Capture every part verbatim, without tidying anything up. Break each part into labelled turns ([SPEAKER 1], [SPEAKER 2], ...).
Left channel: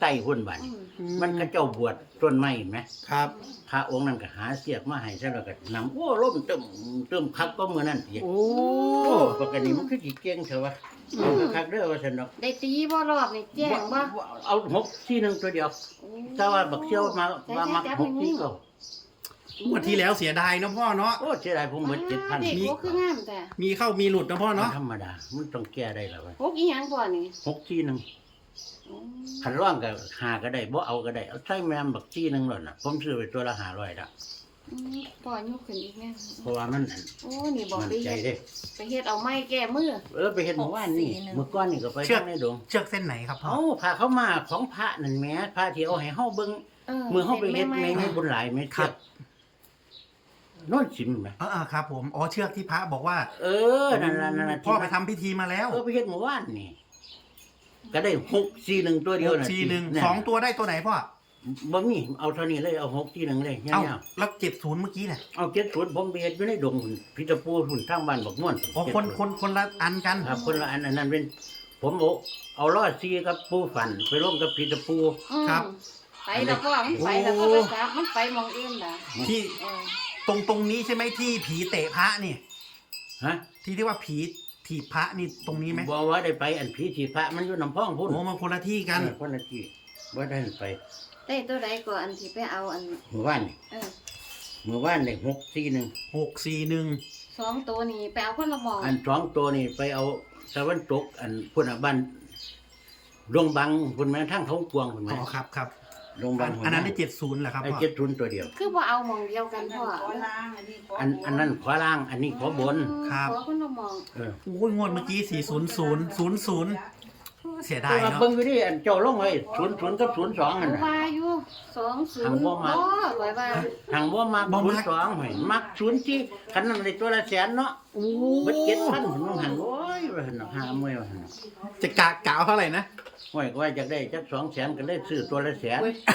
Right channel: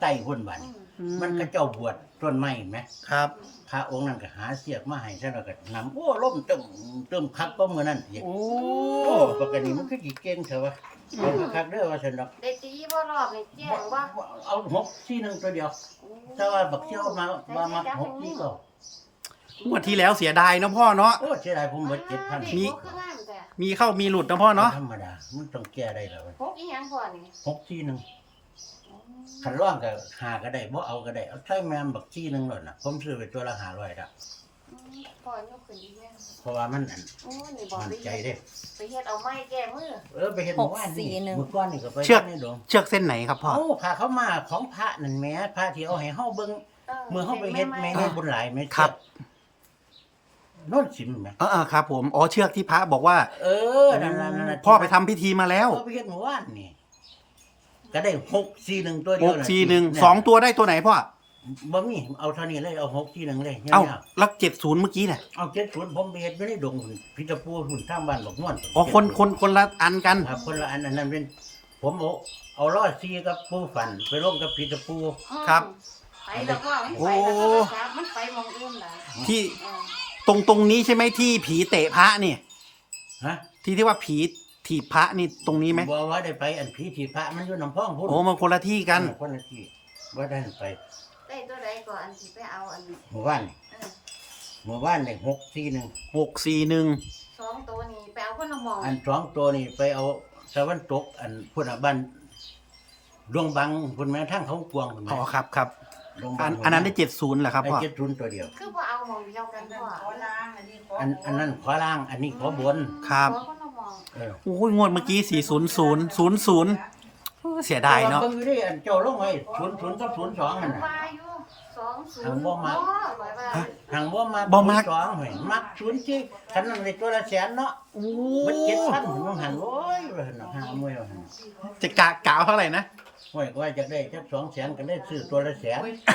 [SPEAKER 1] ใต้หุ่นบัดนมันก็เจ้าบวชต้นไม้เห็นไหม
[SPEAKER 2] ครับ
[SPEAKER 1] พระองค์นั้นก็หาเสียกมาให้ซะแล้วก็นำโอ้ล่มเติมเติมคักก็มือนั่นอีก
[SPEAKER 2] โอ้
[SPEAKER 1] โอ้ปกติมันคือสิเก่งเถอะวะเอาคักๆเด้อว่าซั่นดอก
[SPEAKER 3] ได้ตีบ่รอบนี่แจ้งบ่
[SPEAKER 1] เอาหกสี่หนึ่งตัวเดียวถ้าว่าบักเชี่ยวมาว่ามักหกสี่ก็
[SPEAKER 2] งวดที่แล้วเสียดายเนาะพ่อเนาะ
[SPEAKER 1] โอ้เสียดายผมหมดเจ็ดพัน
[SPEAKER 3] เด็ก
[SPEAKER 2] มี
[SPEAKER 3] บ่คืองามแต่
[SPEAKER 2] มีเข้ามีหลุดนะพ่อเนาะ
[SPEAKER 1] ธรรมดามันต้องแก้ได้แล้วเว้ย
[SPEAKER 3] พกอีหยังบ่นี่
[SPEAKER 1] หกสี่หนึ่ง
[SPEAKER 3] อืม
[SPEAKER 1] ขันร่องก็หาก็ได้บ่เอาก็ได้เอาใช้แม่มบักสี่หนึ่งเลยน่ะผมซื้อไปตัวละห้าร้อยละ
[SPEAKER 3] อืมก่อนยกขึ้นอีกแม่
[SPEAKER 1] เพราะว่ามันอัน
[SPEAKER 3] โอ้นี่บ่
[SPEAKER 1] มัน
[SPEAKER 3] ไป
[SPEAKER 1] ใจ
[SPEAKER 3] เฮ็ด
[SPEAKER 1] เด้
[SPEAKER 3] ไปเฮ็ดเอาไม้แก้มือ
[SPEAKER 1] เออไปเห็นเมื่อวานนี่
[SPEAKER 4] หกสี่หนึ่ง
[SPEAKER 1] เมื่อก่อนนี่ก็ไป
[SPEAKER 2] เชือก
[SPEAKER 1] ทางในดง
[SPEAKER 2] เชือกเส้นไหนครับพ่อ
[SPEAKER 1] เอ้าพาเขามาของพระนั่นแหม่พระที่เอาให้เฮาเบิ่งเมื่อเฮาไปเฮ็ดแม่ให้บุญหลายแม่เชือกโน่นสิมแหม
[SPEAKER 2] เออเออครับผมอ๋อเชือกที่พระบอกว่า
[SPEAKER 1] เออนั่นน่ะนั่นน่ะ
[SPEAKER 2] พ่อไปทำพิธีมาแล้ว
[SPEAKER 1] เออไปเฮ็ดเมื่อวานนี่ก็ได้หกสี่หนึ่งตัวเดี
[SPEAKER 2] ห
[SPEAKER 1] ยว
[SPEAKER 2] ก
[SPEAKER 1] น่ะ
[SPEAKER 2] สี่หนึ่ง
[SPEAKER 1] แ
[SPEAKER 2] สองตัวได้ตัวไหนพ่อ
[SPEAKER 1] บ่มีเอาเท่านี้เลยเอาหกสี่หนึ่งเลย
[SPEAKER 2] เอ้า
[SPEAKER 1] เงี้ย
[SPEAKER 2] แล้วเจ็ดศูนย์เมื่อกี้เนี่ย
[SPEAKER 1] เอาเจ็ดศูนย์ผมไปเฮ็ดอยู่ในดงหุ่นพิตาปูหุ่นทางบ้านบักม่วน
[SPEAKER 2] อ๋อคนคนคนละอันกัน
[SPEAKER 1] ครับคนละอันอันนั้นเป็น ผมเอาเอาล้อซีกับปูฝันไปร่วมกับพิตาปู
[SPEAKER 3] อืม
[SPEAKER 2] ครับ
[SPEAKER 3] ไปแล้วก็มันไปแล้ว
[SPEAKER 2] โอ้
[SPEAKER 3] ก็ครับมันไปมองเองล่ะ
[SPEAKER 2] ที่
[SPEAKER 3] เออ
[SPEAKER 2] ตรงตรงนี้ใช่ไหมที่ผีเตะพระนี่
[SPEAKER 1] ฮะ
[SPEAKER 2] ที่ที่ว่าผีถีบพระนี่ตรงนี้ไหม
[SPEAKER 1] บ่ว่าได้ไปอันผีสีพระมันอยู่น้ำพ่องพุ่น
[SPEAKER 2] โอ้มันคนละที่กัน
[SPEAKER 1] เออคนละที่บ่ได้ไป
[SPEAKER 3] ได้ตัวใดก็อันที่ไปเอาอัน
[SPEAKER 1] เมื่อวานนี่
[SPEAKER 3] เออ
[SPEAKER 1] เมื่อวานได้หกสี่หนึ่ง
[SPEAKER 2] หกสี่หนึ่ง
[SPEAKER 3] สองตัวนี้ไปเอาคนละหมอง
[SPEAKER 1] อันสองตัวนี่ไปเอาตะวันตกอันพุ่นน่ะบ้านดวงบังพุ่นแม่ทางเขากวางพุ่นแม่
[SPEAKER 2] อ๋อครับครับ
[SPEAKER 1] ดวงบั
[SPEAKER 2] อั
[SPEAKER 1] ง
[SPEAKER 2] นอันนั้นได้เจ็ดศูนย์เหรอครับ
[SPEAKER 1] ไอ้
[SPEAKER 2] พ่อ
[SPEAKER 1] เจ็ดศูนย์ตัวเดียว
[SPEAKER 3] คือบ่เอาหมองเดียวกันพ่อ
[SPEAKER 1] อันอันนั้นขวาล่าง อันนี้ขวาบน
[SPEAKER 2] ครับ
[SPEAKER 3] ขอคนละหมอง
[SPEAKER 1] เออ
[SPEAKER 2] โอ้ยงวดเมื่อกี้สี่ศูนย์ศูนย์ศูนย์ศูนย์เสียดาย
[SPEAKER 1] แต่ว่า
[SPEAKER 2] เนาะ
[SPEAKER 1] เบิ่งอยู่นี่อันเจ้าลงไว้ศูนย์ศูนย์กับศูนย์สองอันน่ะ
[SPEAKER 3] ว่าอยู่สองศูนย์
[SPEAKER 1] หังบ่มัก
[SPEAKER 3] ไว้ว่า
[SPEAKER 1] หังว่ามักศูนย์สองหอยมักศูนย์ที่คันนั้นได้ตัวละแสนเนาะ
[SPEAKER 2] โอ้
[SPEAKER 1] มันเจ็ดพันผมต้องหันโอ้ยว่าหั่นเนาะห้าหมื่นว่าหั่นเนาะ
[SPEAKER 2] จะกะกะเอาเท่าไหร่นะ
[SPEAKER 1] โอ้ยก็ว่าจะได้จักสองแสนก็เลยซื้อตัวละแสน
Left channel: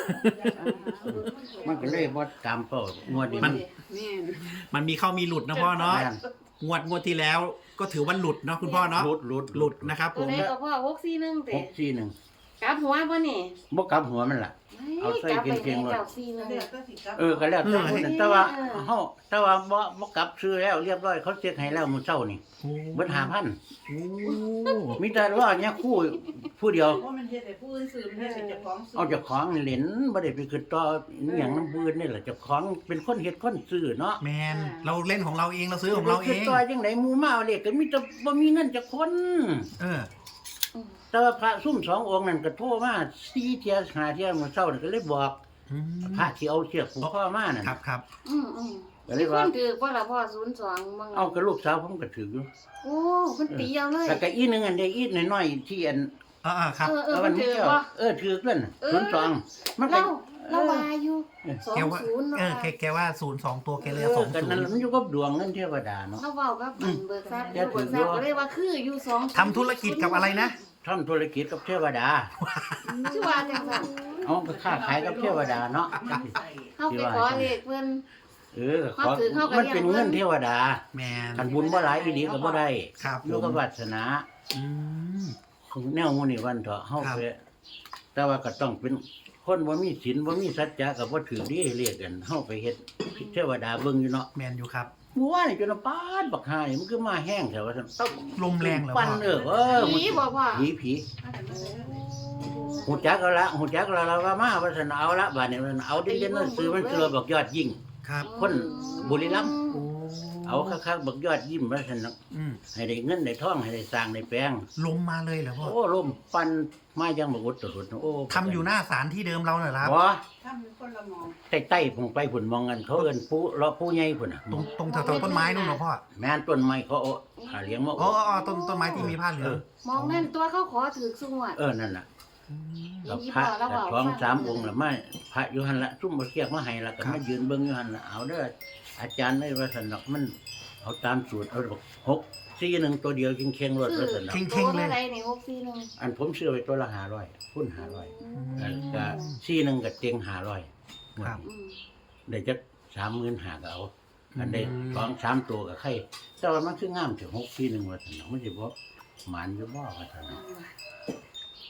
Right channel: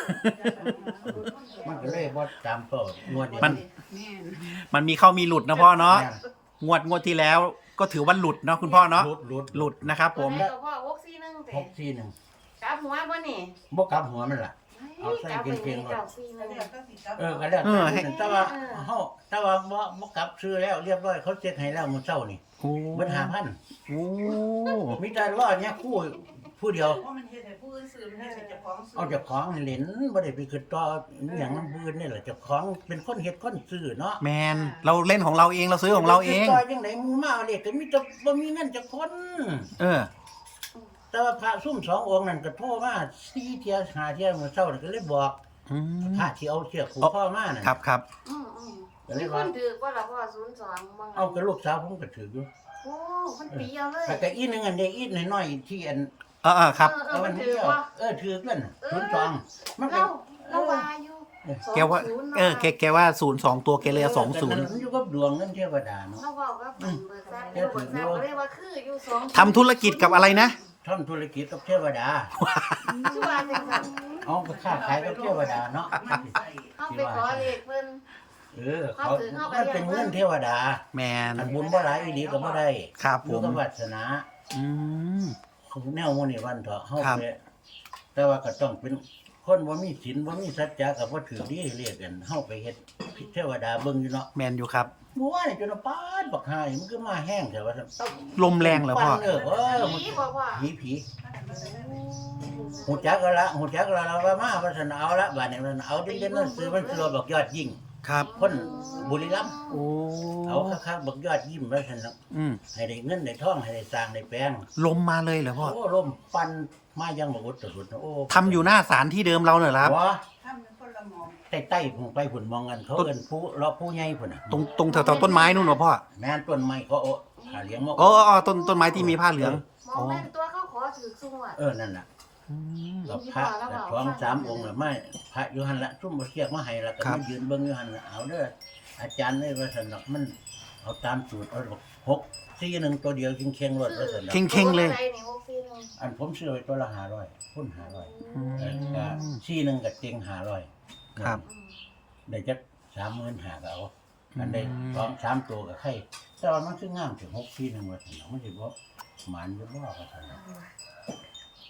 [SPEAKER 1] มันก็เลยบ่ตามเป้างวดนี้
[SPEAKER 2] มัน มันมีเข้ามีหลุดนะพ่อเนาะ
[SPEAKER 1] แม่น
[SPEAKER 2] งวดงวดที่แล้วก็ถือว่าหลุดเนาะคุณพ่อเนาะ
[SPEAKER 1] หลุดหลุด
[SPEAKER 2] หลุดนะครับผม
[SPEAKER 3] ตัวใดก็พ่อหกสี่หนึ่งเตะ
[SPEAKER 1] หกสี่หนึ่ง
[SPEAKER 3] กลับหัวบ่นี่
[SPEAKER 1] บ่กลับหัวมันล่ะ เอาใส่
[SPEAKER 3] กลับไป
[SPEAKER 1] เกงๆ
[SPEAKER 3] ให้
[SPEAKER 1] เลย
[SPEAKER 3] เจ้าสี่หนึ่ง
[SPEAKER 1] เออก็แล้วแต่ผู้นั้นแต่ว่าเฮาแต่ว่าบ่บ่กลับซื้อแล้วเรียบร้อยเขาเช็คให้แล้วมื้อเช้านี่
[SPEAKER 2] โอ้
[SPEAKER 1] เบิดห้าพัน
[SPEAKER 2] โอ้
[SPEAKER 1] มีแต่รอเนี่ยคู่ผู้เดียว
[SPEAKER 4] เพราะมันเฮ็ดให้ผู้อื่นซื้อมันเฮ็ดให้เจ้าของซื้อ
[SPEAKER 1] เอาเจ้าของเหรียญบ่ได้ไปขึ้นต่ออหย่างน้ำบืนนี่แหละเจ้าของเป็นคนเฮ็ดคนซื้อเนาะ
[SPEAKER 2] แมนเราเล่นของเราเองเราซื้อของเราเอ
[SPEAKER 1] ไปขึ้น
[SPEAKER 2] ง
[SPEAKER 1] ต่อจังไดหมู่มาเอาเลขก็มีแต่บ่มีเงินจักคน
[SPEAKER 2] เออ
[SPEAKER 1] แต่ว่าพระซุ่มสององค์นั่นก็โทรมาสี่เที่ยห้าเที่ยมื้อเช้านี่ก็เลยบอก
[SPEAKER 2] อืม
[SPEAKER 1] พระที่เอาเชือกผูกคอมานั่น
[SPEAKER 2] ครับครับ
[SPEAKER 3] อืมอืม
[SPEAKER 1] ก็เล
[SPEAKER 3] มี
[SPEAKER 1] ย
[SPEAKER 3] ค
[SPEAKER 1] ว่า
[SPEAKER 3] นถือว่าละพ่อศูนย์สองบาง
[SPEAKER 1] เอากับลูกสาวผมก็ถืออยู่
[SPEAKER 3] โอ้มันตีเอาเลย
[SPEAKER 1] แล้วก็อีกหนึงอันเด็กอีกน้อยๆที่อัน
[SPEAKER 2] เออเออครับ
[SPEAKER 3] เออเอ
[SPEAKER 1] เอา
[SPEAKER 3] อ
[SPEAKER 1] มั
[SPEAKER 3] มัน น
[SPEAKER 1] ไม่
[SPEAKER 3] ถือ
[SPEAKER 1] เจ้า
[SPEAKER 3] ว่า
[SPEAKER 1] เออถือกันศูนย์สองมันก็
[SPEAKER 3] เราเราวาอยู่สอง
[SPEAKER 2] แกว่า
[SPEAKER 3] ศูนย์
[SPEAKER 2] เออแกแกว่าศูนย์สองตัวแกเลยสองศูน
[SPEAKER 1] นั่น
[SPEAKER 2] ย์
[SPEAKER 1] แหละมันอยู่กับดวงเงินเทวดาเนาะ
[SPEAKER 3] เราเว้ากับเบิกทรัพย์
[SPEAKER 1] แกถื
[SPEAKER 3] เบิ
[SPEAKER 1] อก อยู่
[SPEAKER 3] ทรัพย์ก็เรียกว่าคืออยู่สอง
[SPEAKER 2] ทำธุรกิจกับอะไรนะ
[SPEAKER 1] ทำธุรกิจกับเทวดา
[SPEAKER 3] ชื่อว่าจังซั่น
[SPEAKER 1] เอาก็ค้าขายกับเทวดาเนาะ
[SPEAKER 3] เข้าไปขอเลขเพิ่น
[SPEAKER 1] เออเขามันเป็นเงินเทวดา
[SPEAKER 2] แมน
[SPEAKER 1] ขันบุญบ่หลายอีหลีก็บ่ได้
[SPEAKER 2] ครับ
[SPEAKER 1] อ
[SPEAKER 2] ผ
[SPEAKER 1] ยู่
[SPEAKER 2] ม
[SPEAKER 1] กับวาสนา
[SPEAKER 2] อืม
[SPEAKER 1] แนวหมื้นี้วันเถาะเฮา
[SPEAKER 2] ครับ
[SPEAKER 1] ไปแต่ว่าก็ต้องเป็นคนบ่มีศีลบ่มีสัจจะก็บ่ถือดีเรียกกันเฮาไปเฮ็ดเทวดาเบิ่งอยู่เนาะ
[SPEAKER 2] แมนอยู่ครับ
[SPEAKER 1] เมื่อวานนี่จนว่าปาดบักหายมันคือมาแห้งแต่ว่าซั่นต้อง
[SPEAKER 2] ลมแรงเหรอ
[SPEAKER 1] ปั่น
[SPEAKER 2] พ่อ
[SPEAKER 1] เออเออมัน
[SPEAKER 3] ผีบอกว่า
[SPEAKER 1] ผีผีหูจักเอาละหูจักแล้วล่ะว่ามาว่าซั่นเอาละบัดนี้มันเอาเด่นๆนั่นซื้อมันคือเราบอกยอดยิ่ง
[SPEAKER 2] ครับ
[SPEAKER 1] คนบุรีรัมย์
[SPEAKER 2] โอ้
[SPEAKER 1] เอาคักๆบักยอดยิ้มว่าซั่นเนาะ
[SPEAKER 2] อืม
[SPEAKER 1] ให้ได้เงินได้ทองให้ได้สร้างได้แปลง
[SPEAKER 2] ลมมาเลยเหรอพ่อ
[SPEAKER 1] โอ้ลมปันมายังบักอุดตรุดเนาะโอ้
[SPEAKER 2] ทำอยู่หน้าศาลที่เดิมเราเนี่ยเหรอครับ
[SPEAKER 1] บ่
[SPEAKER 4] ทำเป็นคนละหมอง
[SPEAKER 1] ใต้ๆผมไปพุ่นมองกันเขาเอิ้นผู้เลาะผู้ใหญ่พุ่นน่ะ
[SPEAKER 2] ตรงตรงแถวๆต้นไม้นู่นเหรอพ่อ
[SPEAKER 1] แม่นต้นไม้เขาเอาหาเลี้ยงมา
[SPEAKER 2] อ๋ออ๋อต้นต้นไม้ที่มีผ้าเหลือง
[SPEAKER 3] มองนั่นตัวเขาขอถือสุงวด
[SPEAKER 1] เออนั่นน่ะกับพระกับสองสามองค์ละมาพระอยู่หั่นละซุ่มบ่เรียกมาให้ละก็
[SPEAKER 2] ครั
[SPEAKER 1] มา
[SPEAKER 2] บ
[SPEAKER 1] ยืนเบิ่งอยู่หั่นละเอาเด้ออาจารย์เอ้ยว่าซั่นดอกมันเอาตามสูตรเอาบอกหกสี่หนึ่งตัวเดียวเค็งๆรถว่าซั่นดอก
[SPEAKER 2] เข่งๆเลย
[SPEAKER 3] อะไรนี่หกสี่หนึ่ง
[SPEAKER 1] อันผมซื้อไว้ตัวละห้าร้อยพุ่นห้าร้อย
[SPEAKER 2] อืม
[SPEAKER 1] แล้วก็สี่หนึ่งก็เต็งห้าร้อย
[SPEAKER 2] ครับ
[SPEAKER 3] อืม
[SPEAKER 1] ได้จักสามหมื่นหาก็เอาอันได้สองสามตัวก็ไข่แต่ว่ามันคืองามถึงหกสี่หนึ่งว่าซั่นดอกมันสิบ่หมานอยู่บ่ว่าซั่นดอก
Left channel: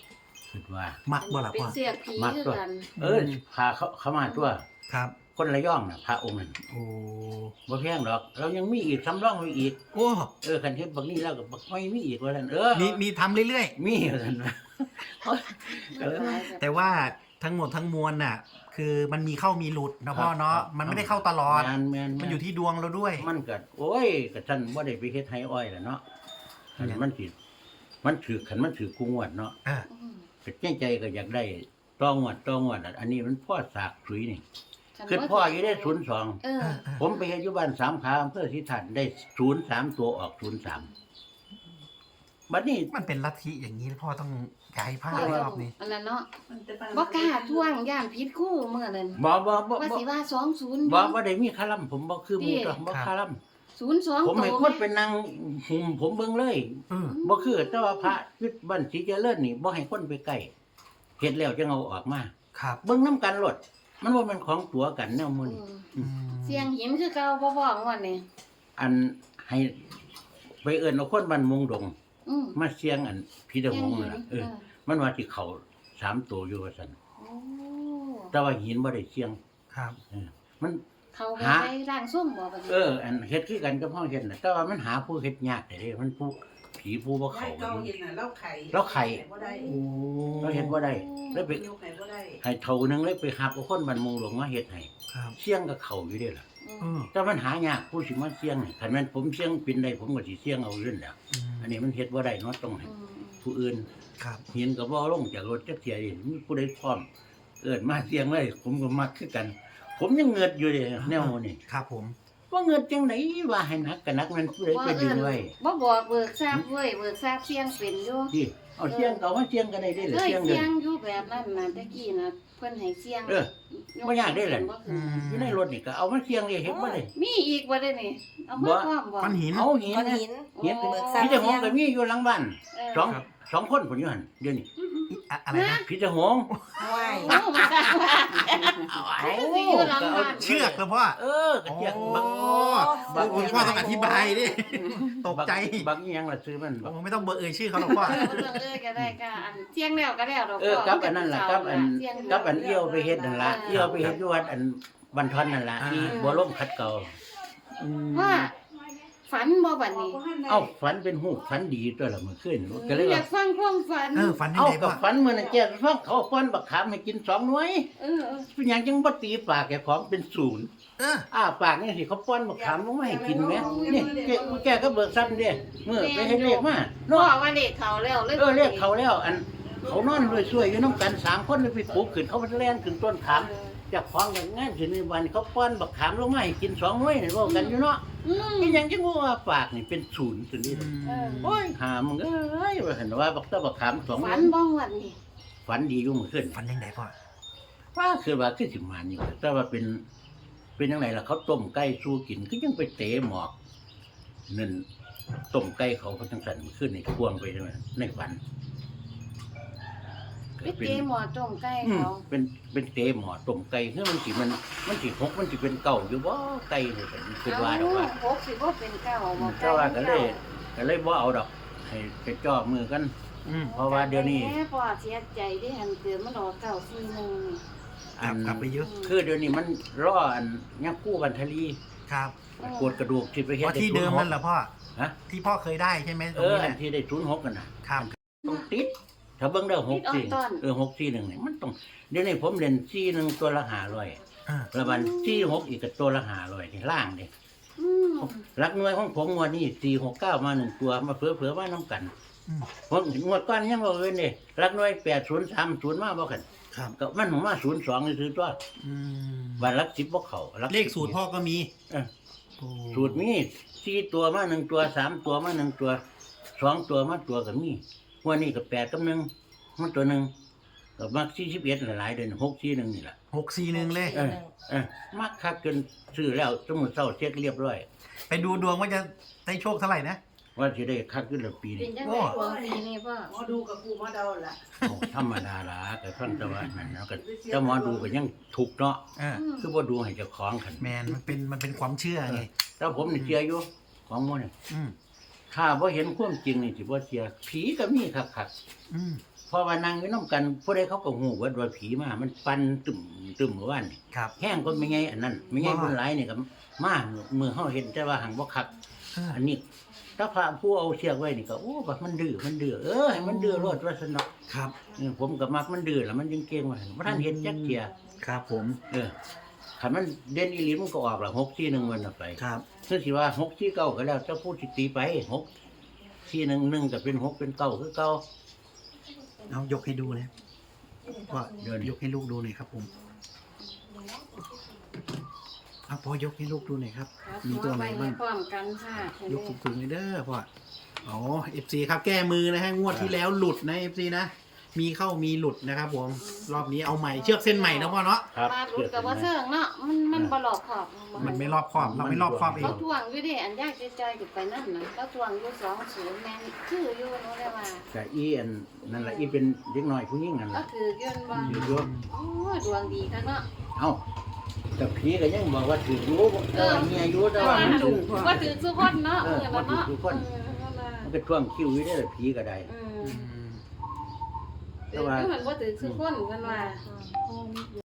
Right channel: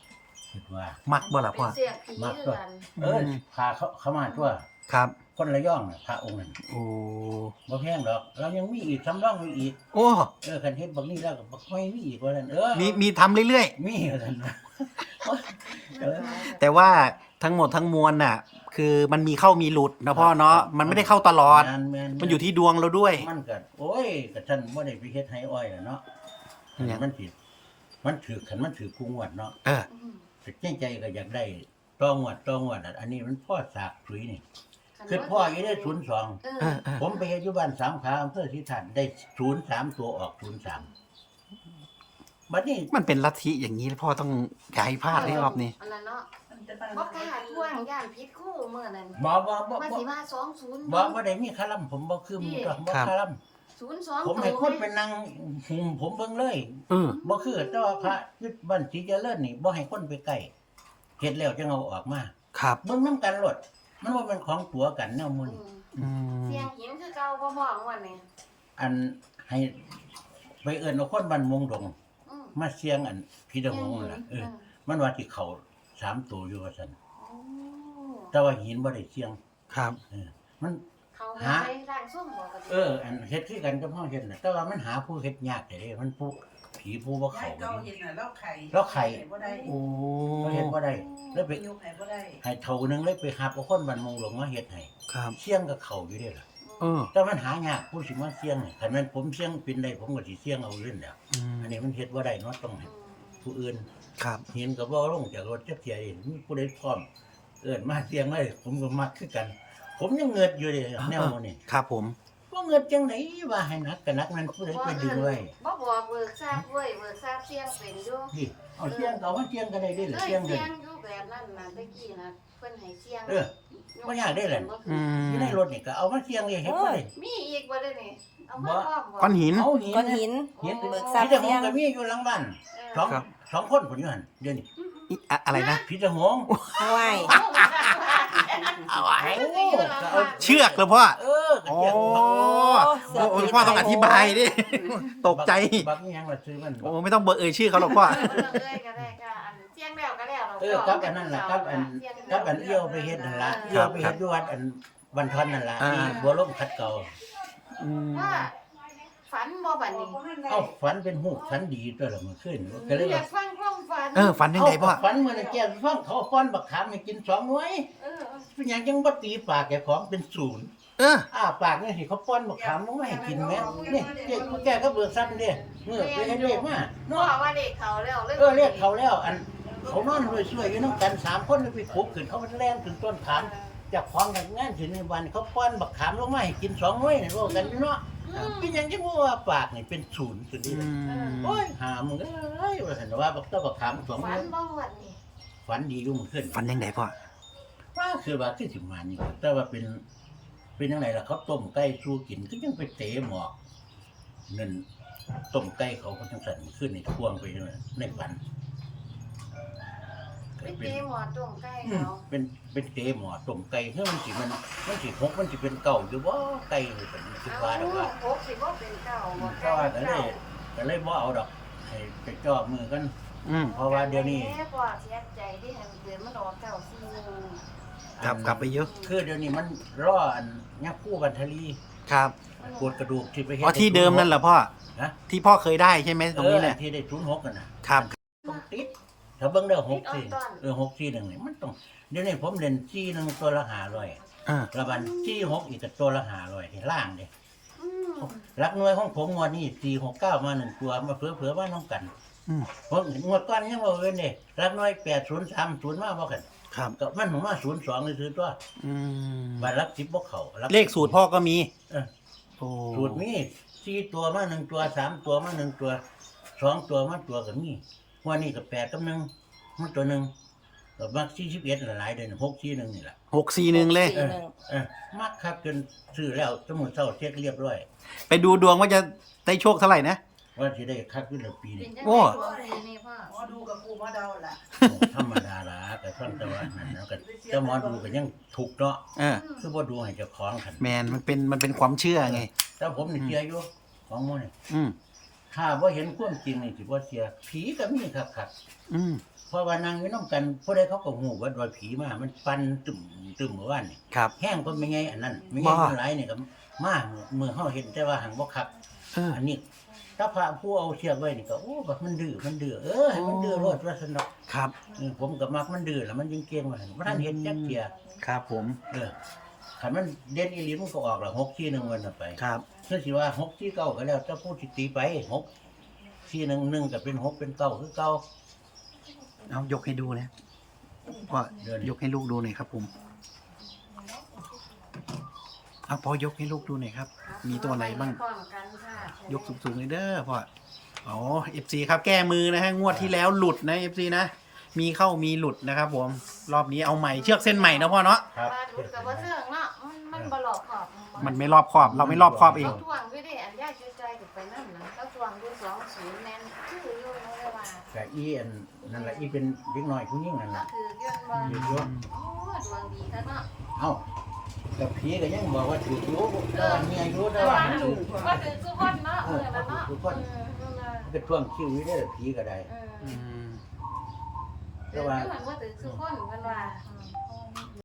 [SPEAKER 1] คิดว่า
[SPEAKER 2] มักบ่ล่ะ
[SPEAKER 3] เป็
[SPEAKER 2] พ่
[SPEAKER 3] น
[SPEAKER 2] อ
[SPEAKER 3] เสียผี
[SPEAKER 1] มัก
[SPEAKER 3] คือ
[SPEAKER 1] ตัว
[SPEAKER 3] กัน
[SPEAKER 1] เออพาเขาเขามาตัว
[SPEAKER 2] ครับ
[SPEAKER 1] คนระย่องน่ะพระองค์นั้น
[SPEAKER 2] โอ้
[SPEAKER 1] บ่แพงดอกเรายังมีอีกสำรองไว้อีก
[SPEAKER 2] โอ้
[SPEAKER 1] เออคันเฮ็ดบักนี้แล้วก็บักไม่มีอีกว่าซั่นเออ
[SPEAKER 2] มีมีทำเรื่อย
[SPEAKER 1] มีว่าซั่นว่าเออ
[SPEAKER 2] ๆ แต่ว่าทั้งหมดทั้งมวลน่ะ คือมันมีเข้ามีหลุดนะพ่อเนาะ มันไม่ได้เข้าตลอด
[SPEAKER 1] งานแม่น
[SPEAKER 2] มันอยู่ที่ดวงเราด้วย
[SPEAKER 1] มันก็โอ้ยก็ท่านบ่ได้ไปเฮ็ดให้อ้อยล่ะเนาะ
[SPEAKER 2] อืม
[SPEAKER 1] มันสิมันถือขันมันถือกูงวดเนาะ
[SPEAKER 2] เออ
[SPEAKER 3] อืม
[SPEAKER 1] แต่ใจใจก็อยากได้ต้องงวดต้องงวดอะอันนี้มันพ่อสากสุยนี่คือพ่ออยู่ได้ศูนย์สอง
[SPEAKER 3] เออ
[SPEAKER 2] เออเออ
[SPEAKER 1] ผมไปเฮ็ดอยู่บ้านสามขาอำเภอสิทันได้ศูนย์สามตัวออกศูนย์สามบัดนี้
[SPEAKER 2] มันเป็นลัทธิอย่างนี้พ่อต้องอย่าให้พลาดเลยรอบนี้
[SPEAKER 3] อันนั้นเนาะ
[SPEAKER 4] มันจะ
[SPEAKER 3] บ่กล้าท่วงย่านผิดคู่เมื่อนั้น
[SPEAKER 1] บ่บ่บ่
[SPEAKER 3] ว่า
[SPEAKER 1] บ่
[SPEAKER 3] สิว่าสองศูนย์
[SPEAKER 1] บ่บ่ได้มีคาลัมผมบ่คือหมู่ตัวบ่คาลัม
[SPEAKER 3] ศูนย์สอง
[SPEAKER 1] ผมให้คนไปนั่งหุมผมเบิ่งเลย
[SPEAKER 2] เออ
[SPEAKER 1] บ่คือแต่ว่าพระยึดบ้านศรีเจริญนี่บ่ให้คนไปใกล้เฮ็ดแล้วจังเอาออกมา
[SPEAKER 2] ครับ
[SPEAKER 1] เบิ่งนํกันโลดมันบ่แม่นของตัวกันแนวมื้อนี้
[SPEAKER 2] อืม
[SPEAKER 3] เสียงหินคือเก่าพ่อพ่อของวันนี้
[SPEAKER 1] อันให้ไปเอิ้นเอาคนบ้านมงดง
[SPEAKER 3] อืม
[SPEAKER 1] มาเสียงอันพี่ตะหงนั่นล่ะเออ มันว่าสิเข้าสามตัวอยู่ว่าซั่น
[SPEAKER 3] โอ้
[SPEAKER 1] แต่ว่าหินบ่ได้เสียง
[SPEAKER 2] ครับ
[SPEAKER 1] เออมัน
[SPEAKER 3] เขา
[SPEAKER 1] หา
[SPEAKER 3] ไปร่างส้มบ่กัน
[SPEAKER 1] เออ อันเฮ็ดคือกันกับเฮาเฮ็ดน่ะแต่ว่ามันหาผู้เฮ็ดยากแต่เด้มันผู้ผีผู้บ่
[SPEAKER 4] เขา
[SPEAKER 1] เข้ากัน
[SPEAKER 4] เก่า
[SPEAKER 1] นี่
[SPEAKER 4] เห็นน่ะเล่าไข่
[SPEAKER 1] เล่าไข่
[SPEAKER 4] บ่ได้
[SPEAKER 2] โอ้
[SPEAKER 1] เราเฮ็ดบ่ได้เลยไป
[SPEAKER 4] ยกไข่บ่ได้
[SPEAKER 1] ให้เท่านึงเลยไปหับเอาคนบ้านมงหลงมาเฮ็ดให้
[SPEAKER 2] ครับ
[SPEAKER 1] เสียงก็เข้าอยู่เด้ล่ะ
[SPEAKER 2] เออ
[SPEAKER 1] แต่มันหายากผู้สิมาเสียงนี่คันแม่นผมเสียงเป็นได้ผมก็สิเสียงเอาเรื่องแล้ว
[SPEAKER 2] อืม
[SPEAKER 1] อันนี้มันเฮ็ดบ่ได้เนาะต้องให้
[SPEAKER 3] อืม
[SPEAKER 1] ผู้อื่น
[SPEAKER 2] ครับ
[SPEAKER 1] เห็นก็บ่ลงจากรถจักเที่ยนี่มีผู้ใดพร้อม เอิ้นมาเสียงเลยผมก็มักคือกัน ผมยังเงิดอยู่เด้แนวนี้
[SPEAKER 2] ครับผม
[SPEAKER 1] ว่าเงิดจังไดว่าให้นักก็นักนั้นผู้ใดไปดึงไว้
[SPEAKER 3] บ่บอกเบิกทราบเว้ยเบิกทราบเสียงเป็นอยู่
[SPEAKER 1] ที่เอาเสียงเขามาเสียงกันได้เด้เหรอ
[SPEAKER 3] เคย
[SPEAKER 1] เสียงเด้
[SPEAKER 3] เสียงอยู่แบบนั้นน่ะตะกี้น่ะเพิ่นให้เสียง
[SPEAKER 1] เออ บ่ยากเด้แหละ
[SPEAKER 2] อืม
[SPEAKER 1] อยู่ในรถนี่ก็เอามาเสียงเลยเฮ็ดบ่ได้
[SPEAKER 3] มีอีกบ่ได้นี่เอามา
[SPEAKER 1] บ่
[SPEAKER 3] พร้อมบ่
[SPEAKER 2] ก้อนหิน
[SPEAKER 1] เอาเหีย
[SPEAKER 5] ก้อน
[SPEAKER 1] นะ
[SPEAKER 5] หิน
[SPEAKER 1] เหียน
[SPEAKER 3] โอ้
[SPEAKER 1] พี่เจ้าหงก็มีอยู่หลังบ้านสอง
[SPEAKER 2] ครับ
[SPEAKER 1] สองคนพุ่นอยู่หั่นเดี๋ยวนี้
[SPEAKER 2] อิอะอะไรนะ
[SPEAKER 1] พี่เจ้าหง
[SPEAKER 5] ไหว
[SPEAKER 3] เอา
[SPEAKER 1] ก็เอา
[SPEAKER 2] เชือกเหรอพ่อ
[SPEAKER 1] เออก็
[SPEAKER 2] โอ้
[SPEAKER 1] เชือกบัก
[SPEAKER 2] โอ้พ่อต้องอธิบายดิ ตกใจ
[SPEAKER 1] บักอีหยังล่ะซื้อมันบัก
[SPEAKER 2] โอ้ไม่ต้องเบอร์เอ่ยชื่อเขาหรอกพ่อ
[SPEAKER 3] เลยก็ได้ก็อันเสียงแล้วก็แล้วดอก
[SPEAKER 1] เออกับอันนั้นล่ะกับอันกับอันเอี้ยวไปเฮ็ดนั่นล่ะเอี้ยวไปเฮ็ดอยู่วัดอันบันทอนนั่นล่ะ
[SPEAKER 2] อ่า
[SPEAKER 1] ที่บัวล่มขัดเก่า
[SPEAKER 2] อืม
[SPEAKER 3] ว่าฝันบ่บัดนี้
[SPEAKER 1] เอ้าฝันเป็นหูฝันดีตัวละเมื่อคืนก็เลย
[SPEAKER 3] อ
[SPEAKER 1] ว่า
[SPEAKER 3] ยากฟังความฝัน
[SPEAKER 2] เออฝันยัง
[SPEAKER 1] เอ้า
[SPEAKER 2] ไง
[SPEAKER 1] ก็
[SPEAKER 2] พ่อ
[SPEAKER 1] ฝันมื้อนั้นแกฟังเขาป้อนบักขามให้กินสองหน่วย
[SPEAKER 3] เออเออ
[SPEAKER 1] เป็นหยังจังบ่ตีปากแกของเป็นศูนย์
[SPEAKER 2] เออ
[SPEAKER 1] อ้าปากนี่สิเขาป้อนบักขามลงมาให้กินแหมนี่แกแกก็เบิกทรัพย์เด้เมื่อไปให้เลขมา
[SPEAKER 3] พ่อ
[SPEAKER 1] เนาะ
[SPEAKER 3] ว่าเลขเขาแล้ว
[SPEAKER 1] เออเลขเขาแล้ว อันเขานอนรวยช่วยอยู่น้ำกันสามคนไปปลูกขึ้นเขาไปแล่นขึ้นต้นขามจากของกันงานขึ้นในวันเขาป้อนบักขามลงมาให้กินสองหน่วยนี่เว้ากันอยู่เนาะ
[SPEAKER 3] อืม
[SPEAKER 1] เป็นหยังจังว่าปากนี่เป็นศูนย์ตัวนี้เลย โอ้ยหามึงเอ้ยว่าเห็นว่าบักตะบักขามสองห
[SPEAKER 3] ฝั
[SPEAKER 1] น่
[SPEAKER 3] น
[SPEAKER 1] วย
[SPEAKER 3] บ้องวันนี้
[SPEAKER 1] ฝันดีอยู่มื้อคืน
[SPEAKER 2] ฝันยังไงพ่อ
[SPEAKER 1] ว่าคือว่าคือสิมานี่ว่าแต่ว่าเป็น เป็นจังไดล่ะเขาต้มไก่สู้กินก็ยังไปเตะหมอกนั่นต้มไก่เขาก็จังสั่นมื้อคืนนี่ควงไปจังนั้นในฝัน
[SPEAKER 3] ไป
[SPEAKER 1] ก็เป็น
[SPEAKER 3] เกหมอต้มไก่
[SPEAKER 1] อืม
[SPEAKER 3] เขา
[SPEAKER 1] เป็นเป็นเตะหมอต้มไก่คือมันสิมันมันสิหกมันสิเป็นเก่าอยู่บ่ไก่นี่เป็นคิดว่าดอกว่า
[SPEAKER 3] โอ้สิบ่เป็นเก่า
[SPEAKER 1] อื
[SPEAKER 3] บ่
[SPEAKER 1] มแต่ว่าก็เลยก็เลยบ่เอาดอก ให้ไปจ่อมือกัน
[SPEAKER 2] อืม
[SPEAKER 1] เพราะว่าเดี๋ยวนี้
[SPEAKER 3] แม่พ่อเสียใจที่หันเกิดมันออกเก่าสี่โมง
[SPEAKER 2] กลับกลับไปเยอะ
[SPEAKER 1] คือเดี๋ยวนี้มันรออันยังคู่บันทลี
[SPEAKER 2] ครับ
[SPEAKER 1] กวดกระดูกที่ไปเฮ็ด
[SPEAKER 2] อ๋อที่เดิมนั่นเหรอพ่อ
[SPEAKER 1] ฮะ
[SPEAKER 2] ที่พ่อเคยได้ใช่ไหมตร
[SPEAKER 1] เอง อ
[SPEAKER 2] นี้
[SPEAKER 1] อั
[SPEAKER 2] แห
[SPEAKER 1] น
[SPEAKER 2] ละ
[SPEAKER 1] ที่ได้ศูนย์หกกันน่ะ
[SPEAKER 2] ครับ
[SPEAKER 1] ต้องติดถ้าเบิ่งได้หกสี่เออหกสี่หนึ่งนี่มันต้องเดี๋ยวนี้ผมเล่นสี่หนึ่งตัวละห้าร้อย
[SPEAKER 2] เออ
[SPEAKER 1] ละบันสี่หกอีกก็ตัวละห้าร้อยที่ล่างเด้
[SPEAKER 3] อืม
[SPEAKER 1] รักหน่วยของผมงวดนี้สี่หกเก้ามาหนึ่งตัวมาเผื่อเผื่อว่าน้ำกัน
[SPEAKER 2] อืม
[SPEAKER 1] ผมงวดก่อนยังบ่เว้นเด้รักหน่วยแปดศูนย์สามศูนย์มาบ่กัน
[SPEAKER 2] ครับ
[SPEAKER 1] ก็มันผมมาศูนย์สองนี่คือตัว
[SPEAKER 2] อืม
[SPEAKER 1] บัตรรักสิบบ่เข้ารัก
[SPEAKER 2] เลขสูตรพ่อก็มี
[SPEAKER 1] เออ
[SPEAKER 2] โอ้
[SPEAKER 1] สูตรมีสี่ตัวมาหนึ่งตัวสามตัวมาหนึ่งตัวสองตัวมาตัวก็มีวันนี้ก็แปดกับหนึ่งมันตัวหนึ่งก็มักสี่สิบเอ็ดหลายๆเดือนหกสี่หนึ่งนี่แหละ
[SPEAKER 2] หกสี่หนึ่งเลย
[SPEAKER 1] เออเออมักคักจนซื้อแล้วสมุดเศร้าเช็คเรียบร้อย
[SPEAKER 2] ไปดูดวงว่าจะได้โชคเท่าไหร่นะ
[SPEAKER 1] ว่าสิได้คักขึ้นแล้วปี
[SPEAKER 3] เป็
[SPEAKER 1] นี้
[SPEAKER 3] นจัง
[SPEAKER 2] โอ้
[SPEAKER 3] ได๋ตัวปีนี้พ่อ
[SPEAKER 4] หมอดูกับกูหมอเดาล่ะ
[SPEAKER 1] โอ้ธรรมดาละก็ฟังแต่ว่านั่นเนาะก็เจ้าหมอดูก็ยังถูกเนาะ
[SPEAKER 2] เออ
[SPEAKER 1] คือบ่ดูให้เจ้าของคัน
[SPEAKER 2] แมนมันเป็นมันเป็นความเชื่อไง
[SPEAKER 1] แต่ผมนี่เสียอยู่ของหมันนี่
[SPEAKER 2] อืม
[SPEAKER 1] ถ้าบ่เห็นความจริงนี่สิบ่เสียผีก็มีคัก
[SPEAKER 2] อืม
[SPEAKER 1] ๆเพราะว่านั่งอยู่นํกันผู้ใดเขาก็ฮู้ว่าว่าผีมามันฟันตึมตึมเมื่อวานนี่
[SPEAKER 2] ครับ
[SPEAKER 1] แห้งก็ไม่ไงอันนั้นไม่ไง
[SPEAKER 2] ว่า
[SPEAKER 1] คนหลายนี่ก็มามือเฮาเห็นแต่ว่าหังบ่คัก
[SPEAKER 2] เออ
[SPEAKER 1] อันนี้ถ้าพระผู้เอาเชือกไว้นี่ก็โอ้ว่ามันดื้อมันดื้อเออให้มันดื้อรอดว่าซั่นเนาะ
[SPEAKER 2] ครับ
[SPEAKER 1] เออผมก็มักมันดื้อแล้วมันยังเก่งว่าบ่ทันเห็นจักเที่ย
[SPEAKER 2] ครับผม
[SPEAKER 1] เออคันมันเด่นอีหลีมันก็ออกละหกสี่หนึ่งมันน่ะไป
[SPEAKER 2] ครับ
[SPEAKER 1] คือสิว่าหกสี่เก้าก็แล้วเจ้าพูดสิตีไปหกสี่หนึ่งหนึ่งก็เป็นหกเป็นเก้าคือเก้า
[SPEAKER 2] เอายกให้ดูนะพ่อ
[SPEAKER 1] เดิน
[SPEAKER 2] ยกให้ลูกดูหน่อยครับผมเอาพ่อยกให้ลูกดูหน่อยครับ มีตัวไหนบ้าง
[SPEAKER 3] พร้อมกันค่ะ
[SPEAKER 2] ยกสูงๆเลยเด้อพ่ออ๋อ เอฟ ซี ครับแก้มือนะฮะงวดที่แล้วหลุดนะ เอฟ ซี นะมีเข้ามีหลุดนะครับผมรอบนี้เอาใหม่เชือกเส้นใหม่นะพ่อเนาะ
[SPEAKER 1] ครับ
[SPEAKER 3] ปลาดุดกับว่าเสื่องเนาะมันมันบลอกขอบ
[SPEAKER 2] มันไม่รอบคอบเราไม่รอบคอบเอง
[SPEAKER 3] เขาทวงอยู่ดิอันยากใจใจอยู่ไปนั่นนะเขาทวงอยู่สองศูนย์แม่นชื่ออยู่น้องแม่ว่า
[SPEAKER 1] ก็อีอันนั่นล่ะอีเป็นเด็กน้อยผู้หญิงนั่น
[SPEAKER 3] ก็
[SPEAKER 1] ล่ะ
[SPEAKER 3] คือยื่นบอล
[SPEAKER 1] ถืออยู่
[SPEAKER 3] โอ้ดวงดีค่ะเนาะ
[SPEAKER 1] เอ้าแต่ผีก็ยังบอกว่าถืออยู่แต่ว่ามีอายุแต่ว่ามันถือ
[SPEAKER 3] ว่าถือสุกคนเนาะ
[SPEAKER 1] เออว่าถือสุกคน มันก็ช่วงคิวอยู่ได้อผีก็ได้
[SPEAKER 3] อืม
[SPEAKER 2] อืม
[SPEAKER 3] แต่ว่าถือว่าถือสุกคนเพิ่นว่า